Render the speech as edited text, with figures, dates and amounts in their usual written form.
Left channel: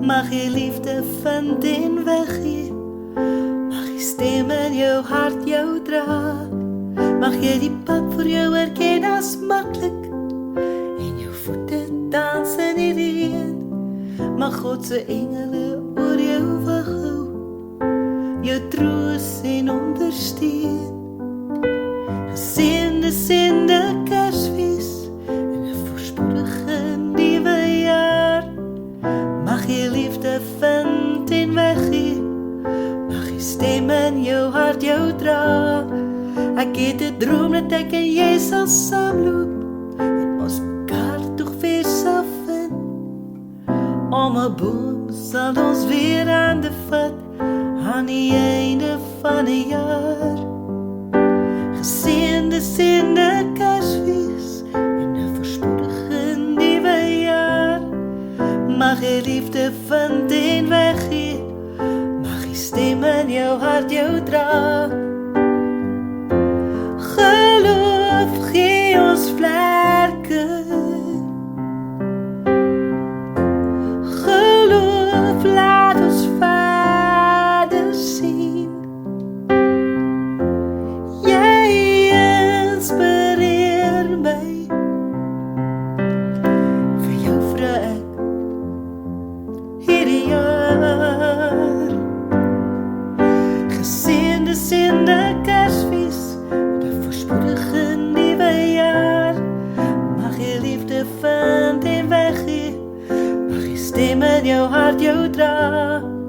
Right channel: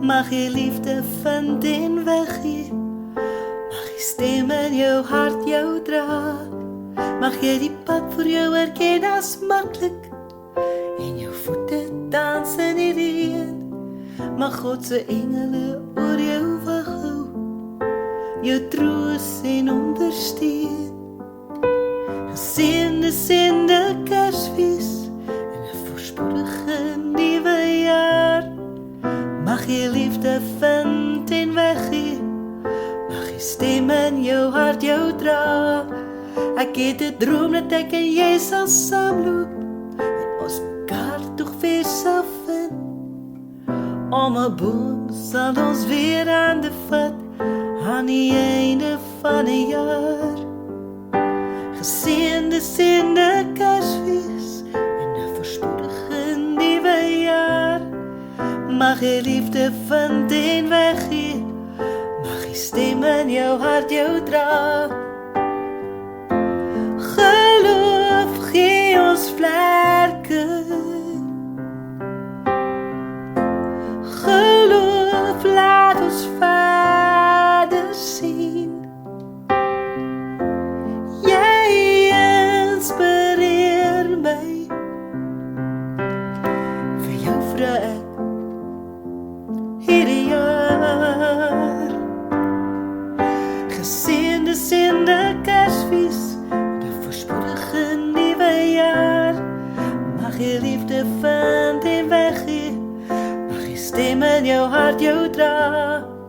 Mag jy liefde vind en weggee. Mag die stem in jou hart jou dra. Mag jy die pad vir jou herken as maklik en jou voete dans in die reën. Mag God se engele oor jou wag hou, jou troos en ondersteun. Geseënde Kersfees en 'n voorspoedige nuwe jaar. Mag jy liefde vind en weggee. Mag die stem in jou hart jou dra. Ek het 'n droom dat ek en jy sal saamloop en ons mekaar tog weer sal vind. Om 'n boom sal ons weer aan die vat aan die einde van 'n jaar. Geseënde Kersfees en 'n voorspoedige nuwe jaar. Mag jy liefde vind en weggee. Mag die stem in jou hart jou dra. Geloof gee ons vlerke. Geloof laat ons Vader sien. Jy inspireer my. Vir jou vra ek hierdie jaar. Geseënde Kersfees en 'n voorspoedige nuwe jaar. Mag jy liefde vind en weggee. Mag die stem in jou hart jou dra.